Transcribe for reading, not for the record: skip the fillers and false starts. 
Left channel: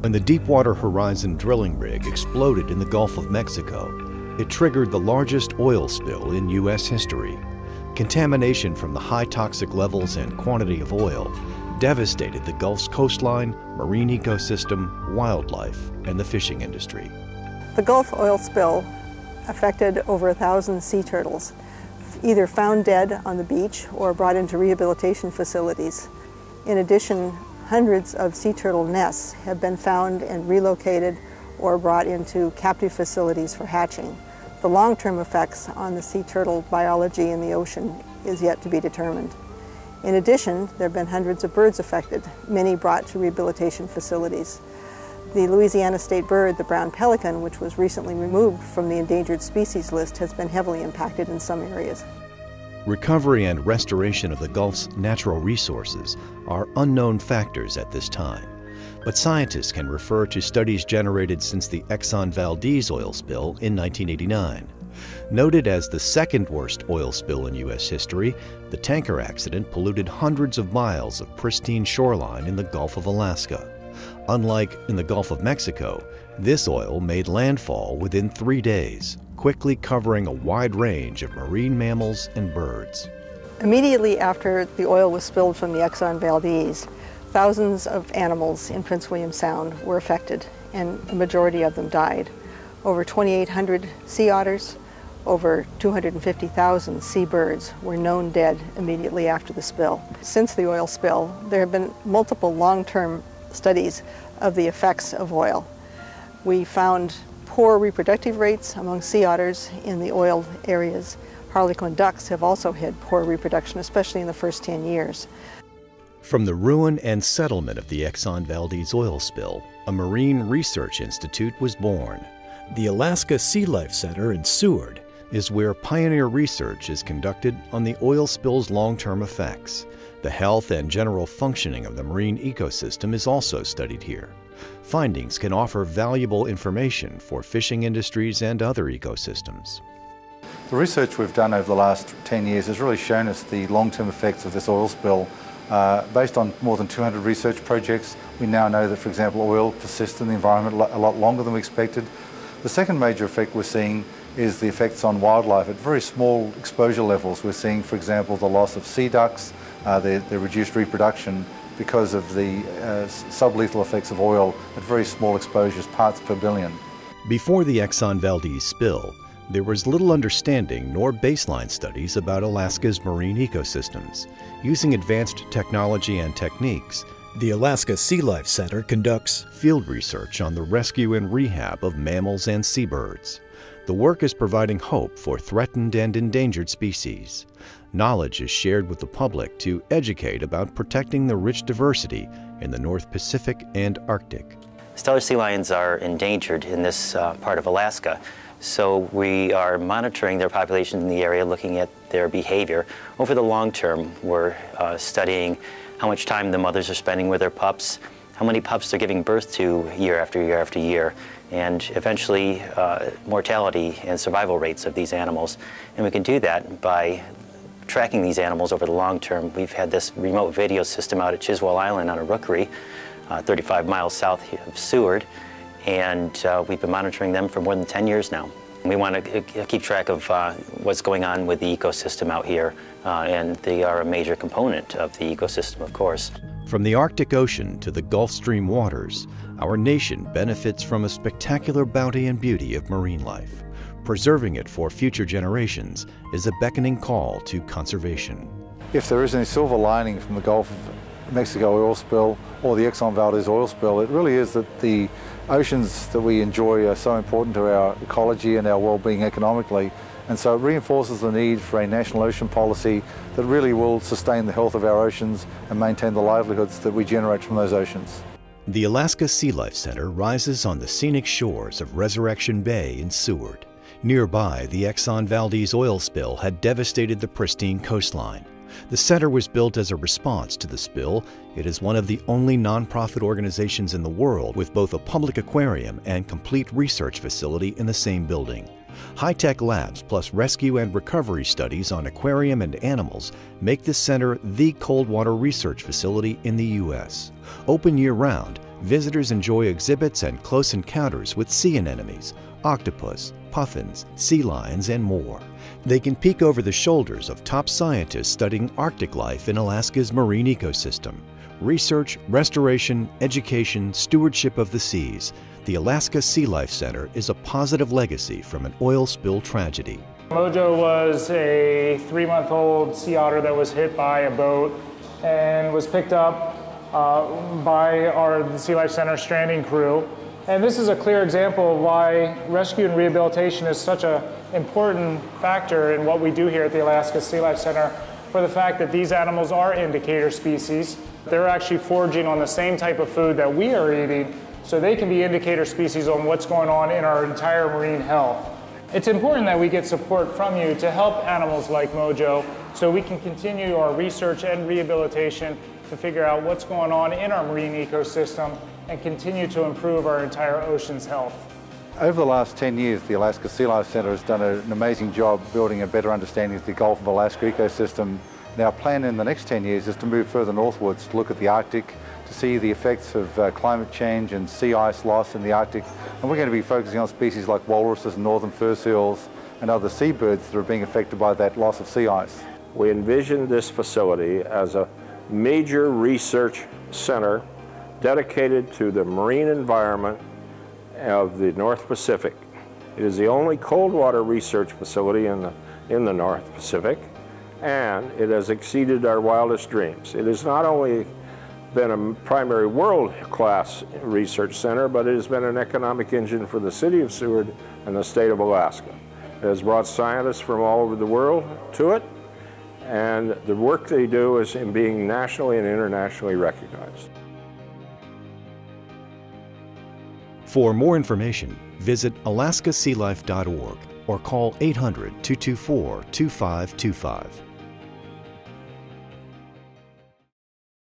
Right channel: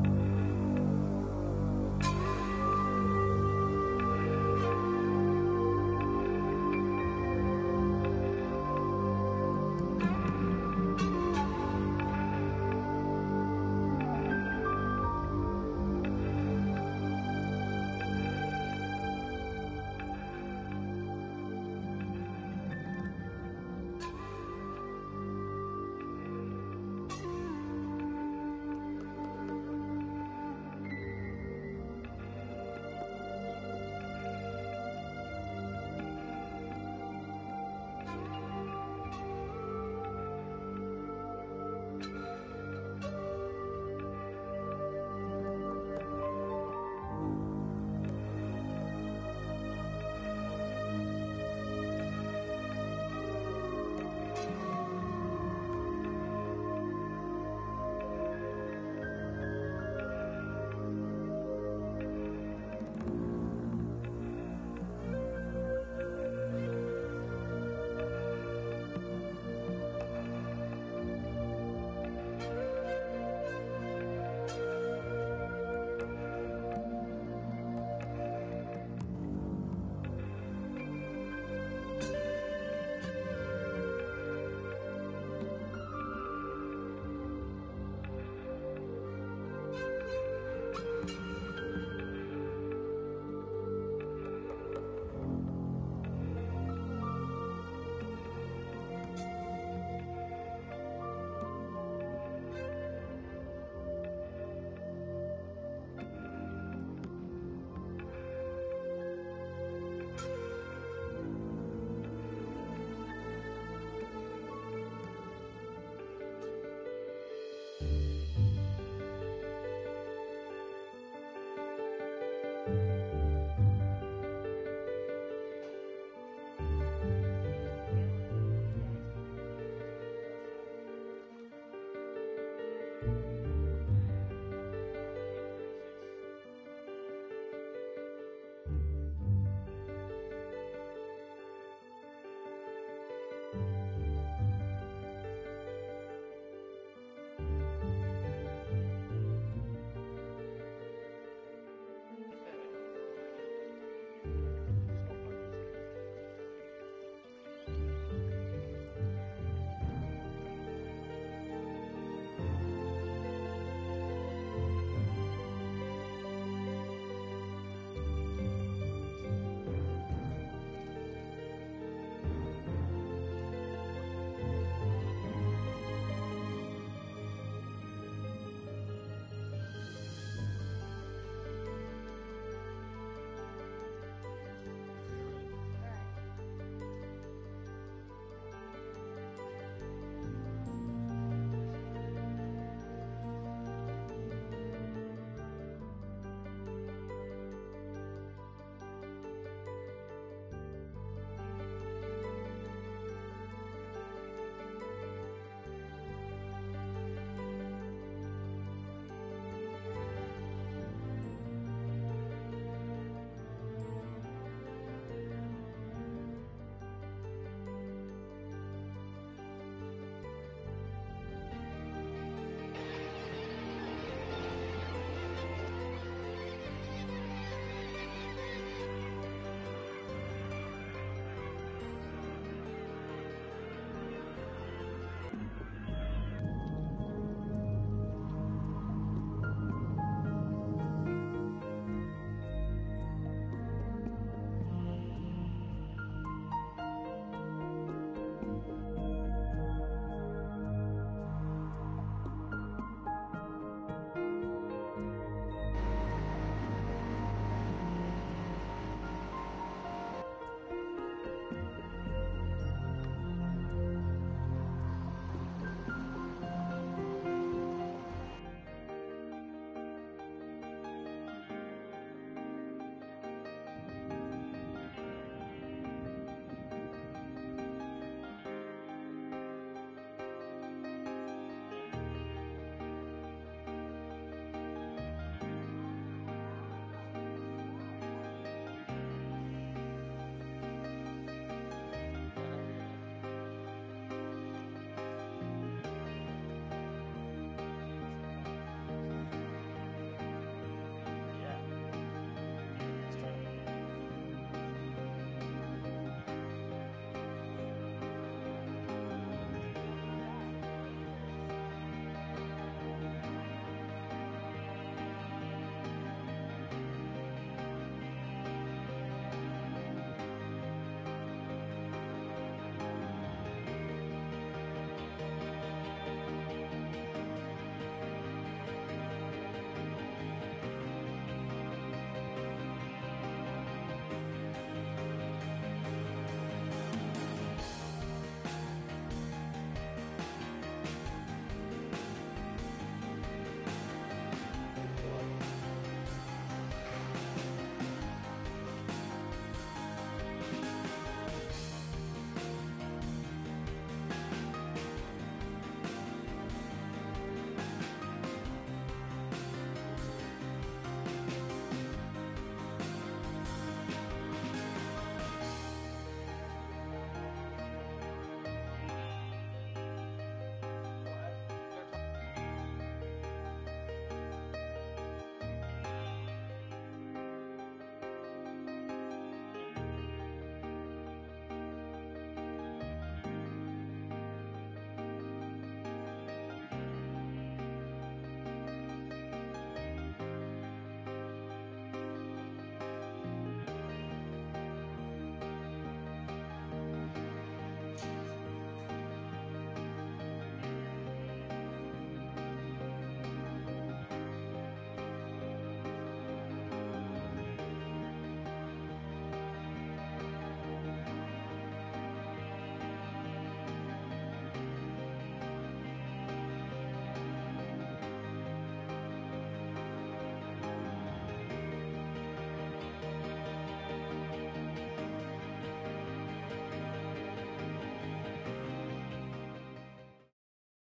When the Deepwater Horizon drilling rig exploded in the Gulf of Mexico, it triggered the largest oil spill in U.S. history. Contamination from the high toxic levels and quantity of oil devastated the Gulf's coastline, marine ecosystem, wildlife, and the fishing industry. The Gulf oil spill affected over 1,000 sea turtles, either found dead on the beach or brought into rehabilitation facilities. In addition, hundreds of sea turtle nests have been found and relocated or brought into captive facilities for hatching. The long-term effects on the sea turtle biology in the ocean is yet to be determined. In addition, there have been hundreds of birds affected, many brought to rehabilitation facilities. The Louisiana state bird, the brown pelican, which was recently removed from the endangered species list, has been heavily impacted in some areas. Recovery and restoration of the Gulf's natural resources are unknown factors at this time, but scientists can refer to studies generated since the Exxon Valdez oil spill in 1989. Noted as the second worst oil spill in U.S. history, the tanker accident polluted hundreds of miles of pristine shoreline in the Gulf of Alaska. Unlike in the Gulf of Mexico, this oil made landfall within 3 days, quickly covering a wide range of marine mammals and birds. Immediately after the oil was spilled from the Exxon Valdez, thousands of animals in Prince William Sound were affected, and the majority of them died. Over 2,800 sea otters, over 250,000 seabirds were known dead immediately after the spill. Since the oil spill, there have been multiple long-term studies of the effects of oil. We found poor reproductive rates among sea otters in the oiled areas. Harlequin ducks have also had poor reproduction, especially in the first 10 years. From the ruin and settlement of the Exxon Valdez oil spill, a marine research institute was born. The Alaska SeaLife Center in Seward is where pioneer research is conducted on the oil spill's long-term effects. The health and general functioning of the marine ecosystem is also studied here. Findings can offer valuable information for fishing industries and other ecosystems. The research we've done over the last 10 years has really shown us the long-term effects of this oil spill. Based on more than 200 research projects, we now know that, for example, oil persists in the environment a lot longer than we expected. The second major effect we're seeing is the effects on wildlife at very small exposure levels. We're seeing, for example, the loss of sea ducks, their reduced reproduction because of the sublethal effects of oil at very small exposures, parts per billion. Before the Exxon Valdez spill, there was little understanding nor baseline studies about Alaska's marine ecosystems. Using advanced technology and techniques, the Alaska SeaLife Center conducts field research on the rescue and rehab of mammals and seabirds. The work is providing hope for threatened and endangered species. Knowledge is shared with the public to educate about protecting the rich diversity in the North Pacific and Arctic. Stellar sea lions are endangered in this part of Alaska, so we are monitoring their populations in the area, looking at their behavior. Over the long term, we're studying how much time the mothers are spending with their pups, how many pups they're giving birth to year after year after year, and eventually mortality and survival rates of these animals. And we can do that by tracking these animals over the long term. We've had this remote video system out at Chiswell Island on a rookery, 35 miles south of Seward, and we've been monitoring them for more than 10 years now. We want to keep track of what's going on with the ecosystem out here, and they are a major component of the ecosystem, of course. From the Arctic Ocean to the Gulf Stream waters, our nation benefits from a spectacular bounty and beauty of marine life. Preserving it for future generations is a beckoning call to conservation. If there is any silver lining from the Gulf of Mexico oil spill or the Exxon Valdez oil spill, it really is that the oceans that we enjoy are so important to our ecology and our well-being economically. And so it reinforces the need for a national ocean policy that really will sustain the health of our oceans and maintain the livelihoods that we generate from those oceans. The Alaska SeaLife Center rises on the scenic shores of Resurrection Bay in Seward. Nearby, the Exxon Valdez oil spill had devastated the pristine coastline. The center was built as a response to the spill. It is one of the only nonprofit organizations in the world with both a public aquarium and complete research facility in the same building. High-tech labs plus rescue and recovery studies on aquarium and animals make this center the cold water research facility in the U.S. Open year-round, visitors enjoy exhibits and close encounters with sea anemones, octopus, puffins, sea lions, and more. They can peek over the shoulders of top scientists studying Arctic life in Alaska's marine ecosystem. Research, restoration, education, stewardship of the seas. The Alaska SeaLife Center is a positive legacy from an oil spill tragedy. Mojo was a 3-month-old sea otter that was hit by a boat and was picked up by our SeaLife Center stranding crew. And this is a clear example of why rescue and rehabilitation is such an important factor in what we do here at the Alaska SeaLife Center, for the fact that these animals are indicator species. They're actually foraging on the same type of food that we are eating, so they can be indicator species on what's going on in our entire marine health. It's important that we get support from you to help animals like Mojo so we can continue our research and rehabilitation to figure out what's going on in our marine ecosystem and continue to improve our entire ocean's health. Over the last 10 years, the Alaska SeaLife Center has done an amazing job building a better understanding of the Gulf of Alaska ecosystem. And our plan in the next 10 years is to move further northwards to look at the Arctic, to see the effects of climate change and sea ice loss in the Arctic. And we're going to be focusing on species like walruses and northern fur seals and other seabirds that are being affected by that loss of sea ice. We envision this facility as a major research center dedicated to the marine environment of the North Pacific. It is the only cold water research facility in the North Pacific, and it has exceeded our wildest dreams. It has not only been a primary world-class research center, but it has been an economic engine for the city of Seward and the state of Alaska. It has brought scientists from all over the world to it, and the work they do is in being nationally and internationally recognized. For more information, visit alaskasealife.org or call 800-224-2525.